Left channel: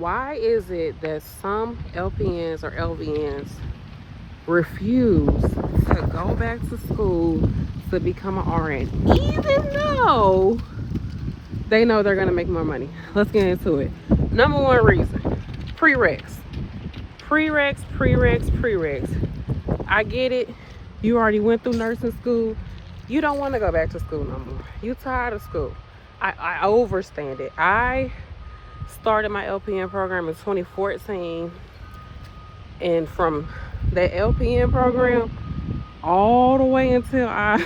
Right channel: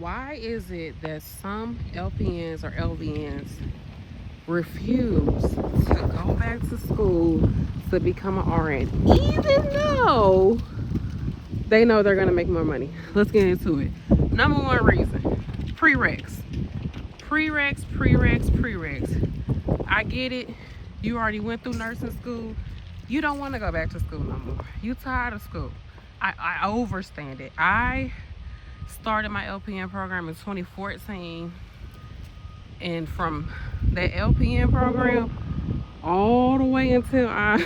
Why is it that some LPNs or LVNs refuse to go back to school to become an RN, even though they know they're gonna make more money? Let's get into it. Number one reason, prereqs. I get it. You already went through nursing school. You don't want to go back to school no more. You tired of school. I overstand it. I started my LPN program in 2014, and from that LPN program all the way until I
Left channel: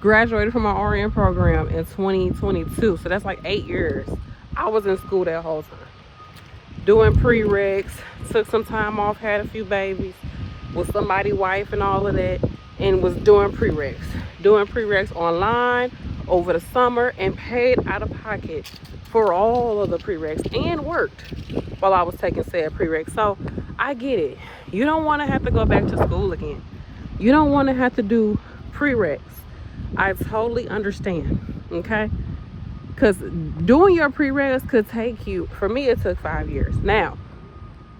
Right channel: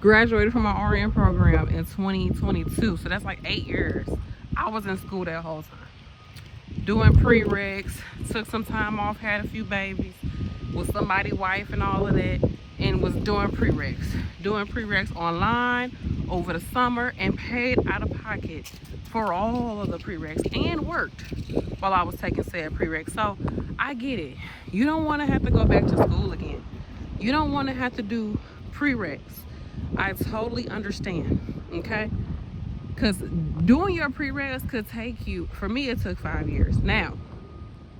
graduated from my RN program in 2022, so that's like 8 years, I was in school that whole time doing prereqs. Took some time off, had a few babies with somebody's wife and all of that, and was doing prereqs online over the summer, and paid out of pocket for all of the prereqs, and worked while I was taking said prereqs. So I get it. You don't want to have to go back to school again. You don't want to have to do prereqs. I totally understand, okay? Because doing your prereqs could take you, for me it took 5 years. Now,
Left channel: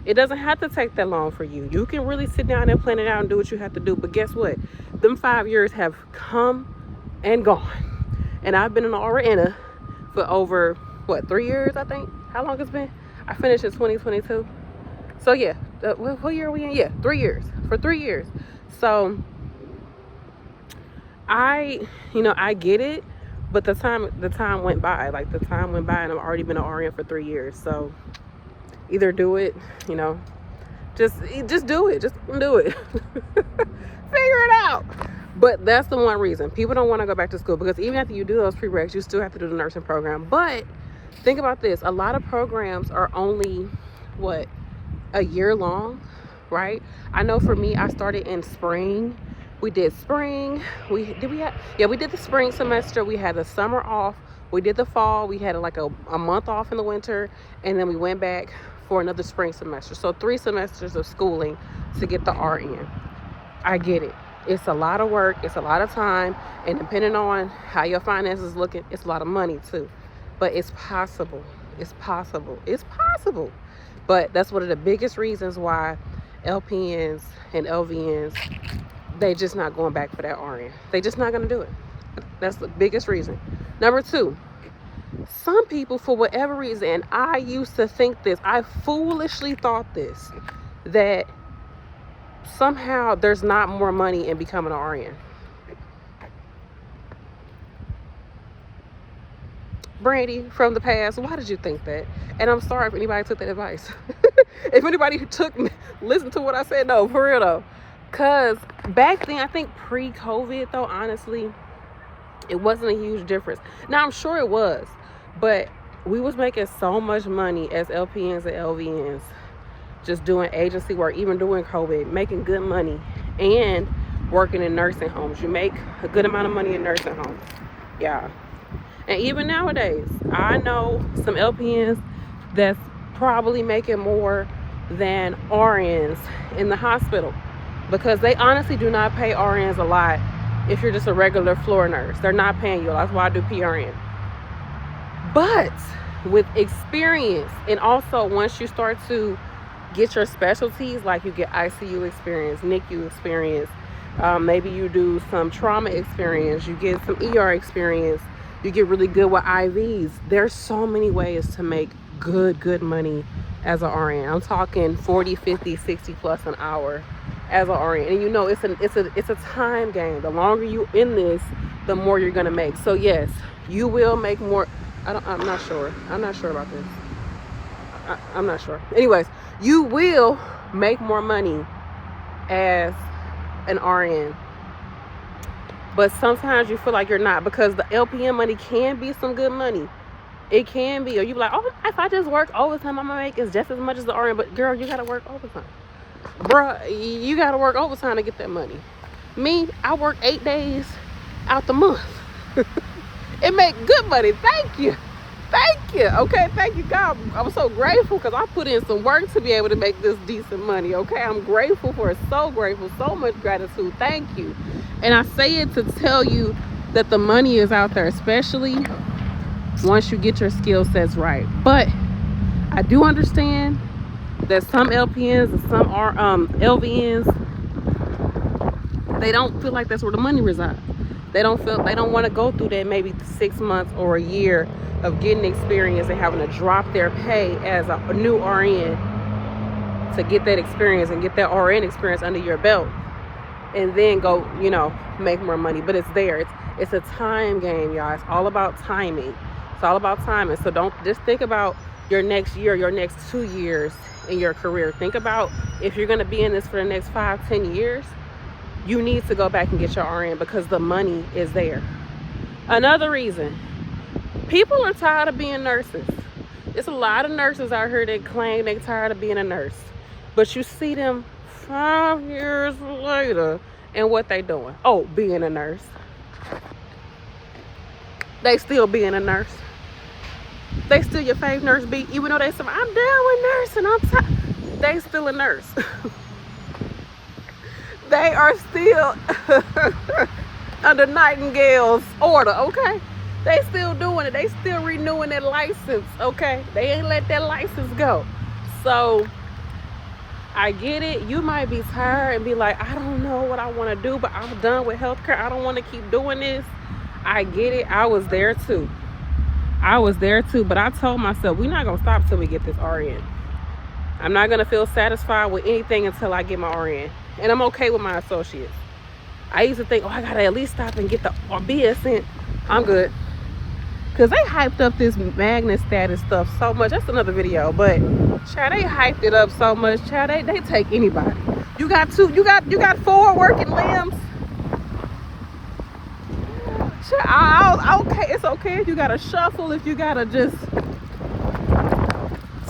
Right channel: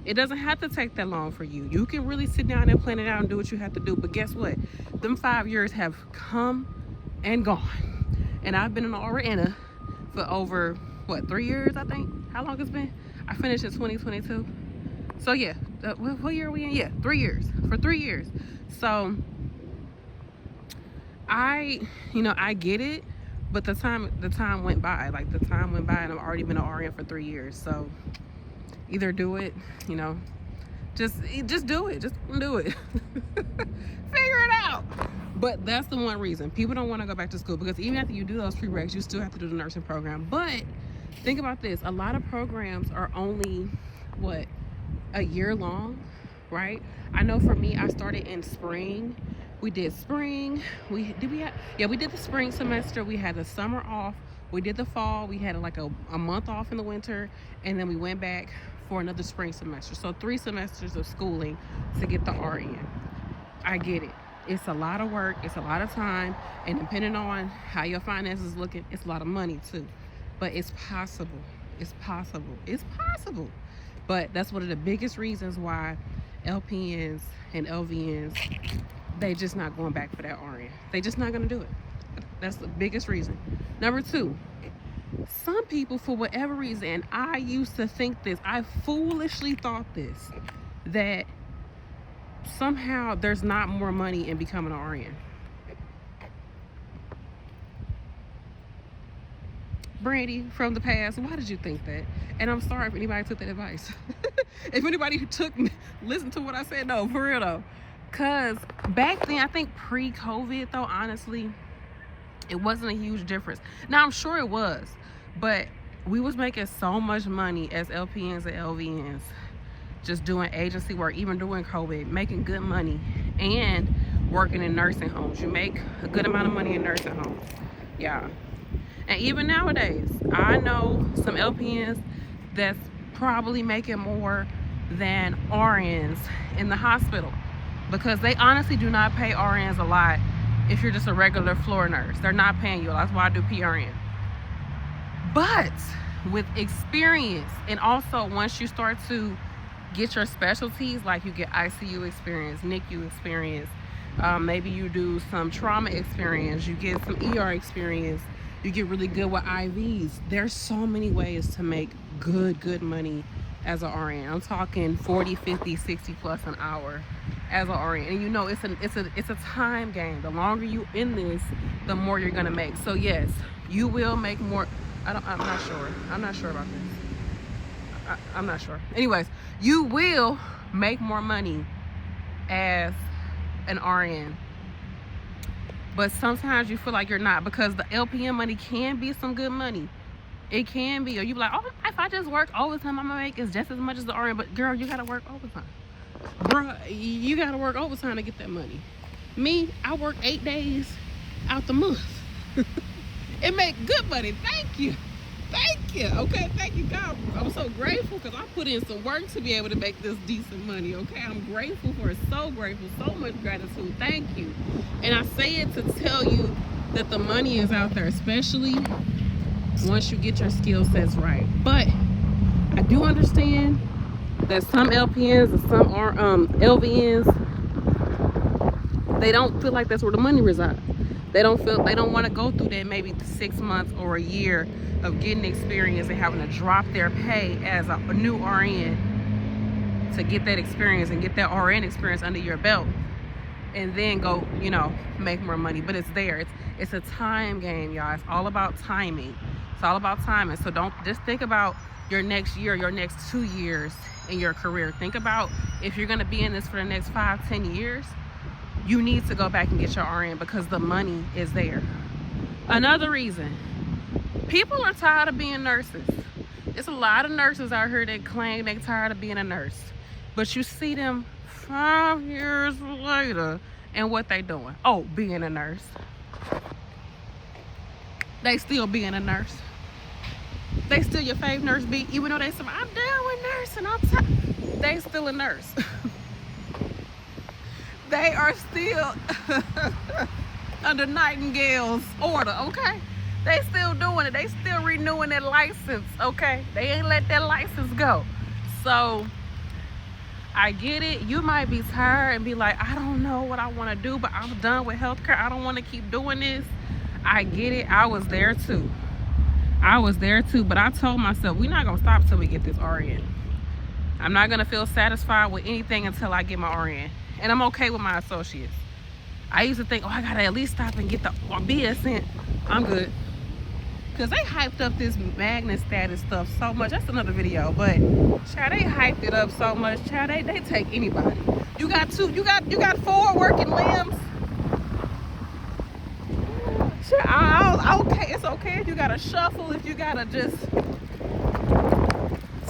it doesn't have to take that long for you. You can really sit down and plan it out and do what you have to do. But guess what? Them 5 years have come and gone. And I've been an RN for over, what, 3 years, I think? How long it's been? I finished in 2022. So yeah, what year are we in? Yeah, 3 years. For 3 years. So I get it, but the time went by. Like, the time went by, and I've already been an RN for 3 years. So either do it, just do it. Just do it. Figure it out. But that's the one reason people don't want to go back to school, because even after you do those prereqs, you still have to do the nursing program. But think about this: a lot of programs are only a year long, right? I know for me, I started in spring. We did spring. We did the spring semester. We had the summer off. We did the fall. We had like a month off in the winter, and then we went back for another spring semester. So 3 semesters of schooling to get the RN. I get it. It's a lot of work. It's a lot of time, and depending on how your finances looking, it's a lot of money too. But it's possible. It's possible. It's possible. But that's one of the biggest reasons why LPNs and LVNs, they just not going back for that RN. They just not gonna do it. That's the biggest reason. Number 2, some people, for whatever reason, and I used to think this, I foolishly thought this, that somehow there's not more money in becoming an RN. Brandy, from the past, why did you think that? And I'm sorry if anybody took that advice. If anybody listened to what I said, no, for real though. Because back then, I think pre-COVID though, honestly, it wasn't a huge difference. Now, I'm sure it was, but we was making so much money as LPNs and LVNs, just doing agency work, even during COVID, making good money, and working in nursing homes. You make a good amount of money in nursing homes. Yeah. And even nowadays, I know some LPNs that's probably making more than RNs in the hospital, because they honestly do not pay RNs a lot. If you're just a regular floor nurse, they're not paying you. That's why I do PRN. But with experience, and also once you start to get your specialties, like you get ICU experience, NICU experience, maybe you do some trauma experience, you get some ER experience, you get really good with IVs. There's so many ways to make good money as an RN. I'm talking 40, 50, 60 plus an hour as an RN. And it's a time game. The longer you in this, the more you're gonna make. So yes, you will make more. I'm not sure about this. I'm not sure. Anyways, you will make more money as an RN, but sometimes you feel like you're not, because the LPN money can be some good money. It can be. Or you be like, oh, if I just work overtime, I'm gonna make is just as much as the RN. But girl, you gotta work overtime. Bruh, you gotta work overtime to get that money. Me, I work 8 days out the month. It make good money. Thank you. Okay, thank you, God. I'm so grateful, because I put in some work to be able to make this decent money. Okay, I'm grateful for it. So grateful. So much gratitude. Thank you. And I say it to tell you that the money is out there, especially once you get your skill sets right. But I do understand that some LPNs and some are LVNs, they don't feel like that's where the money resides. They don't want to go through that maybe 6 months or a year of getting experience and having to drop their pay as a new RN to get that experience and get that RN experience under your belt, and then go, you know, make more money. But it's there. It's a time game, y'all. It's all about timing. It's all about timing. So don't just think about your next year, your next 2 years in your career. Think about if you're going to be in this for the next 5-10 years, you need to go back and get your RN because the money is there. Another reason, people are tired of being nurses. There's a lot of nurses out here that claim they're tired of being a nurse, but you see them 5 years later and what they doing? Oh, being a nurse. They still being a nurse. They still your fave nurse B, even though they say, I'm down with nursing, I'm tired. They still a nurse. They are still under Nightingale's order, okay? They still doing it. They still renewing their license, okay? They ain't let that license go. So I get it. You might be tired and be like, I don't know what I want to do, but I'm done with healthcare. I don't want to keep doing this. I get it. I was there too. But I told myself, we're not going to stop till we get this RN. I'm not going to feel satisfied with anything until I get my RN. And I'm okay with my associates. I used to think, oh, I got to at least stop and get the BSN. I'm good. Because they hyped up this magnet status stuff so much. That's another video. But, child, they hyped it up so much. Child, they take anybody. You got 4 working limbs. Child, okay, it's okay if you got to shuffle, if you got to just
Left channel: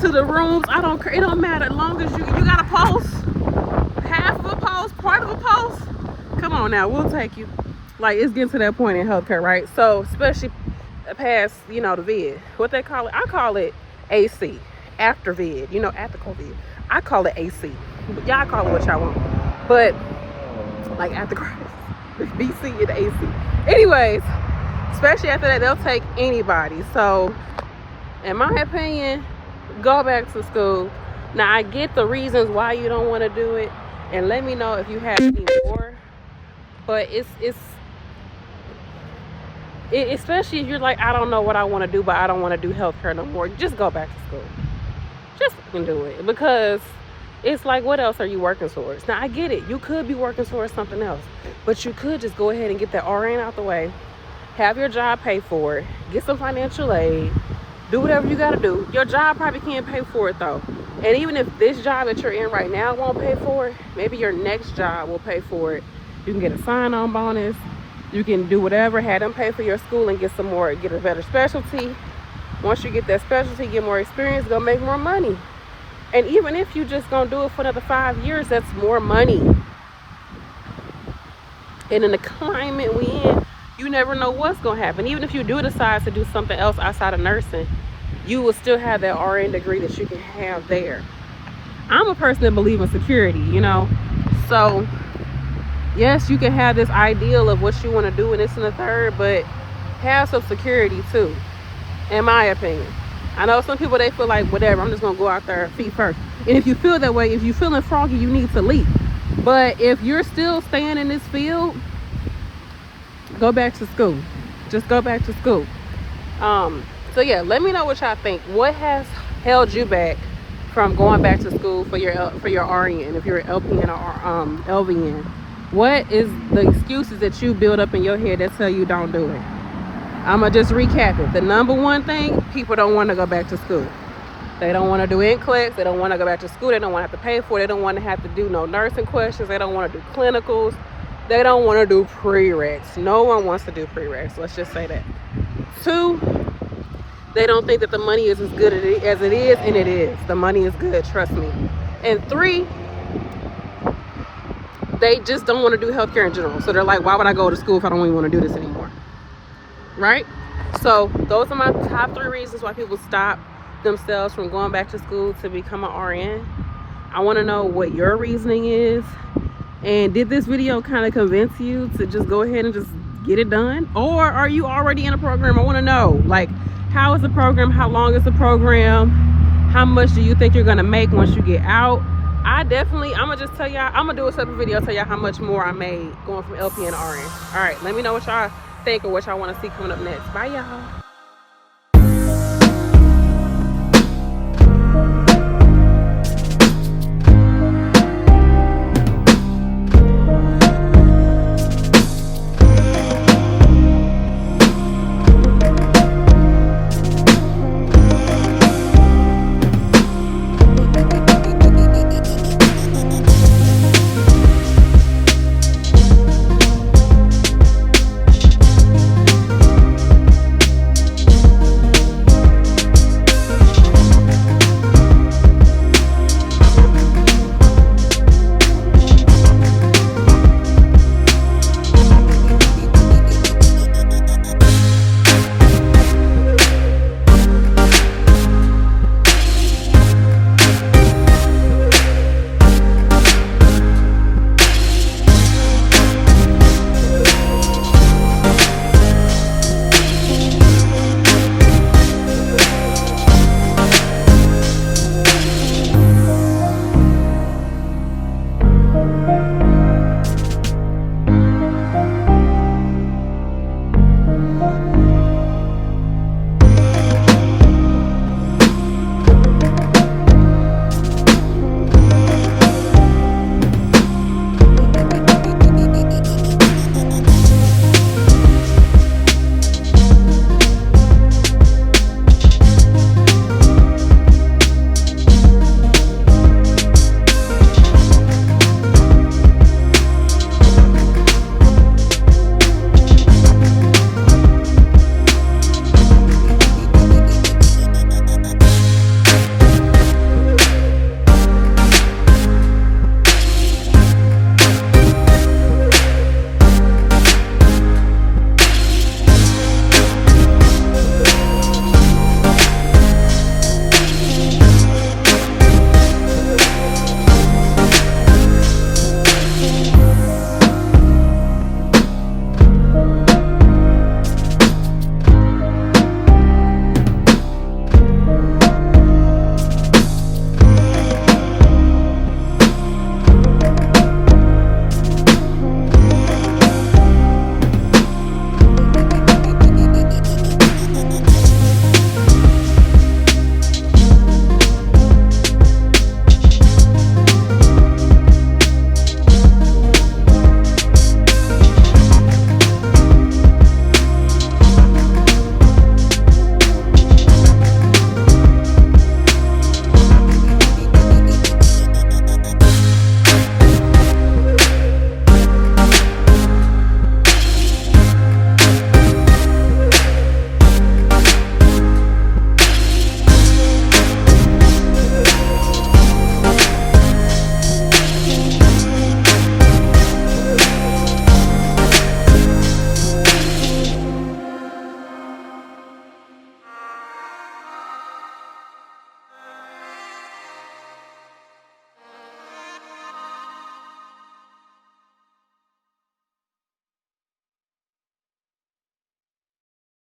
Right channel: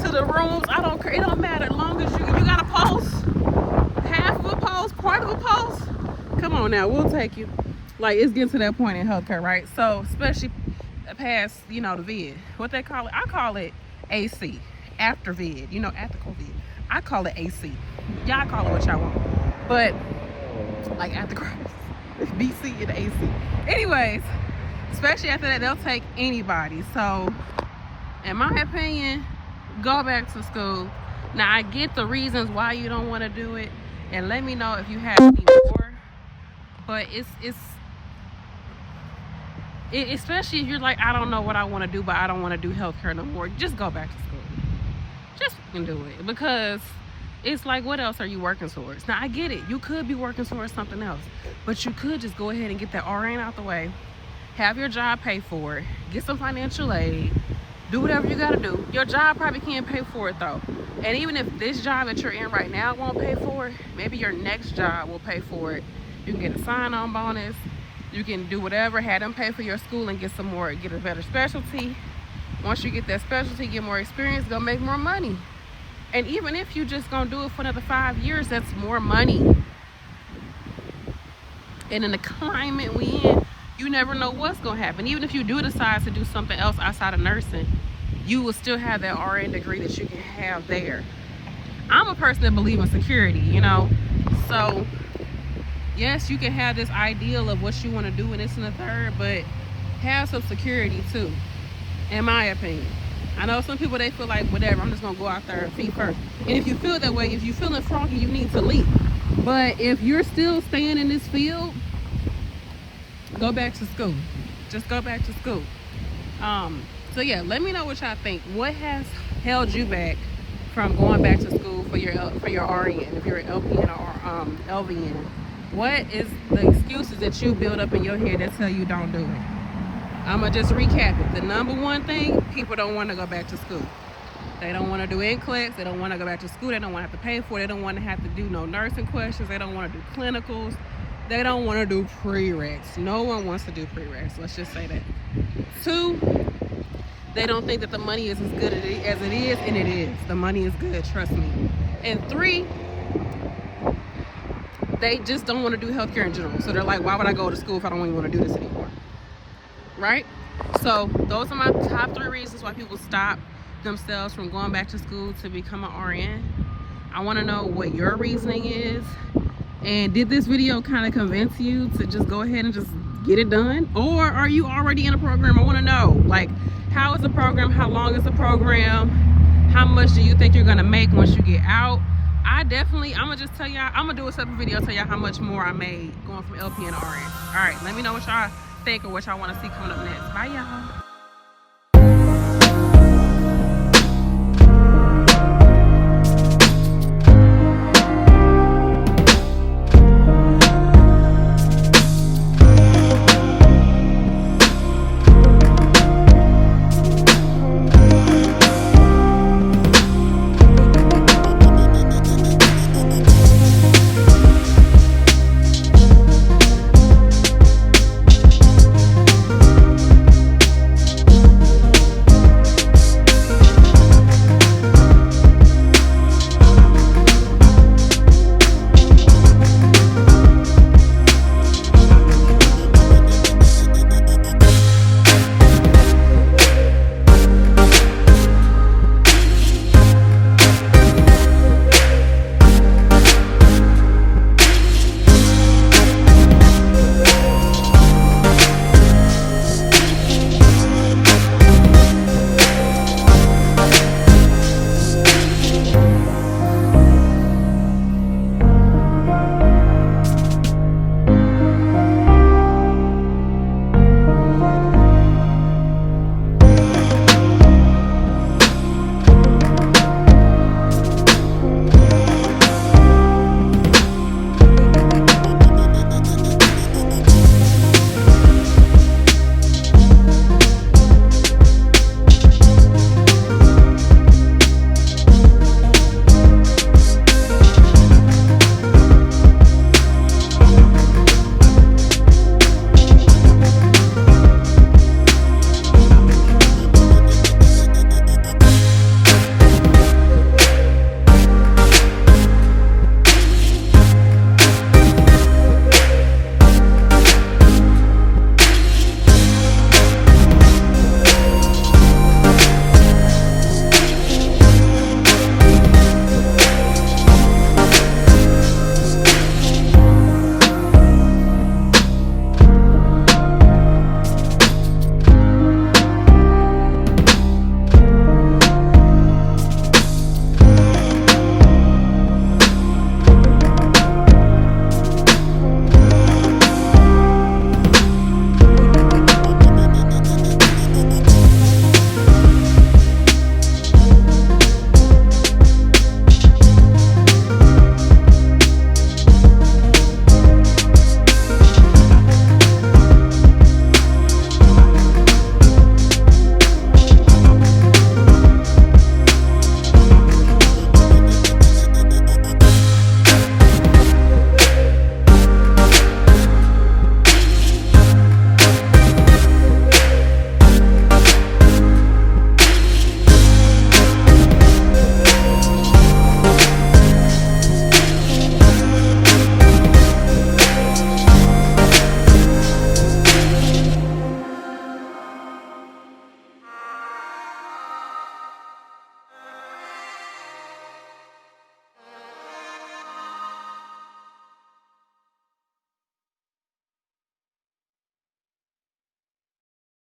to the rooms. I don't care. It don't matter as long as you got a pulse. Half of a pulse, part of a pulse. Come on now, we'll take you. Like, it's getting to that point in healthcare, right? So, especially past, you know, the vid. What they call it? I call it AC. After vid. You know, after COVID. I call it AC. Y'all call it what y'all want. But, like, after Christ. BC and AC. Anyways, especially after that, they'll take anybody. So, in my opinion, go back to school. Now, I get the reasons why you don't want to do it. And let me know if you have any more. But especially if you're like, I don't know what I want to do, but I don't want to do healthcare no more. Just go back to school. Just fucking do it. Because it's like, what else are you working towards? Now, I get it. You could be working towards something else. But you could just go ahead and get that RN out the way. Have your job pay for it. Get some financial aid. Do whatever you got to do. Your job probably can't pay for it, though. And even if this job that you're in right now won't pay for it, maybe your next job will pay for it. You can get a sign-on bonus. You can do whatever. Have them pay for your school and get some more, get a better specialty. Once you get that specialty, get more experience, go make more money. And even if you just gonna do it for another 5 years, that's more money. And in the climate we in, you never know what's gonna happen. Even if you do decide to do something else outside of nursing, you will still have that RN degree that you can have there. I'm a person that believes in security, you know. So, yes, you can have this ideal of what you want to do and this and the third, but have some security too, in my opinion. I know some people, they feel like, whatever, I'm just going to go out there feet first. And if you feel that way, if you're feeling froggy, you need to leave. But if you're still staying in this field, go back to school. Just go back to school. So yeah, let me know what y'all think. What has held you back from going back to school for your RN, if you're an LPN or LVN? What is the excuses that you build up in your head that tell you don't do it? I'm going to just recap it. The number one thing, people don't want to go back to school. They don't want to do NCLEX. They don't want to go back to school. They don't want to have to pay for it. They don't want to have to do no nursing questions. They don't want to do clinicals. They don't want to do prereqs. No one wants to do prereqs. Let's just say that. 2, they don't think that the money is as good as it is, and it is. The money is good, trust me. And 3, they just don't want to do healthcare in general. So they're like, why would I go to school if I don't even want to do this anymore? Right? So those are my top 3 reasons why people stop themselves from going back to school to become an RN. I want to know what your reasoning is. And did this video kind of convince you to just go ahead and just get it done? Or are you already in a program? I want to know, like, how is the program? How long is the program? how much do you think you're gonna make once you get out? I'm gonna just tell y'all, I'm gonna do a separate video, tell y'all how much more I made going from LPN to RN. All right, let me know what y'all think or what y'all want to see coming up next. Bye, y'all.